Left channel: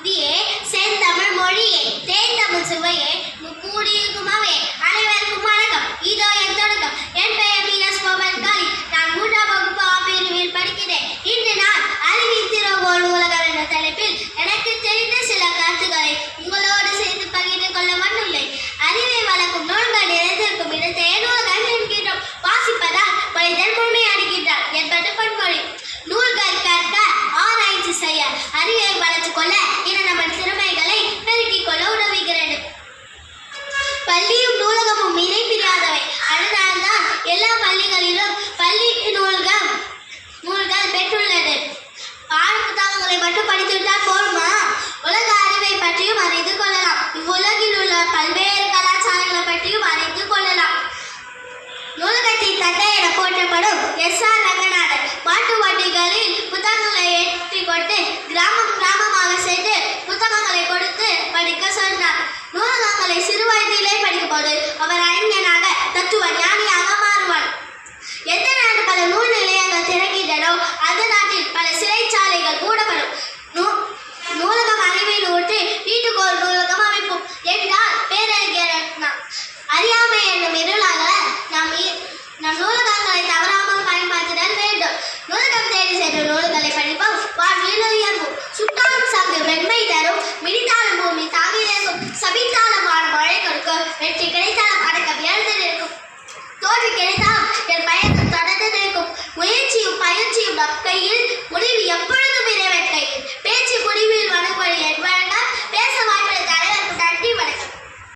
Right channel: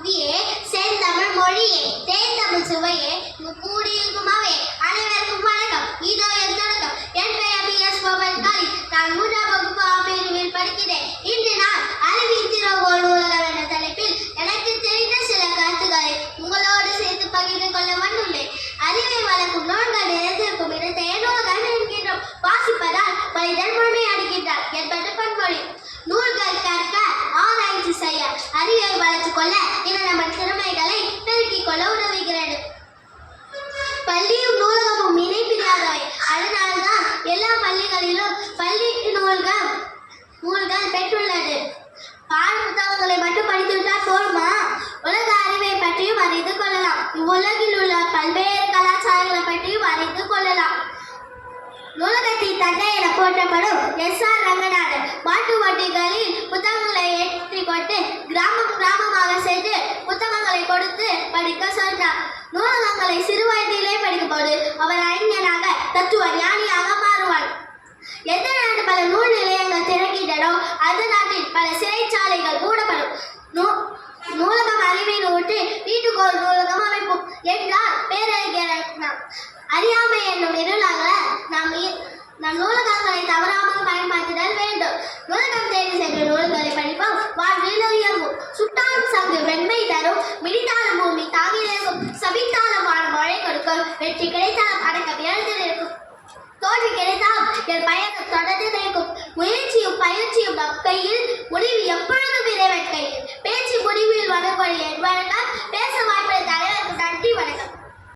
புத்தியே செந்தமிழ் மொழியே தேந்தமிழ் சுவையே கூடியிருக்குமாவே அனைவருக்கும் வணக்கம். இதோ என் தொடக்கம். என் பெயர் மீனஸ் கோமல் காளி. நான் 3ஆம் வகுப்பு ஆபிரிவில் படிக்கிறேன். இன்று நான் அறிவின் திறவுகோல் நூலகம் என்ற தலைப்பில் எனக்கு தெரிந்த சில கருத்துக்களை உங்களோடு சேர்த்து பகிர்ந்து கொள்ள வந்துள்ளேன். அறிவை வளர்க்கும் நூல்கள் நிறைந்திருக்கும் இடத்தை நூலகம் என்கின்றோம். வாசிப்பதால் மனிதன் முழுமை அடைகின்றார் என்பது பன்மொழி. நூல்கள் கற்க, ஆராய்ச்சி செய்ய, அறிவை வளர்த்துக் கொள்ள என நமது திறமைகளை பெருக்கிக் கொள்ள உதவுகிறது. பள்ளியும் நூலகமும் இணைப்பிரியாதவை. அதனால்தான் எல்லா பள்ளிகளிலும் பள்ளி நூல்கள் பெற்றுள்ளது. பாட புத்தகங்களை மட்டும் படித்துவிட்டால் போதுமா? உலக அறிவை பற்றியும் அறிந்து கொள்ளலாம். இவ்வுலகில் உள்ள பல்வேறு கலாச்சாரங்களை பற்றியும் அறிந்து கொள்ளலாம். நூலகத்தின் தந்தை என போற்றப்படும் எஸ்.ஆர். ரங்கநாதன் மாட்டு வண்டிகளில் புத்தகங்களை ஏற்றிக்கொண்டு கிராம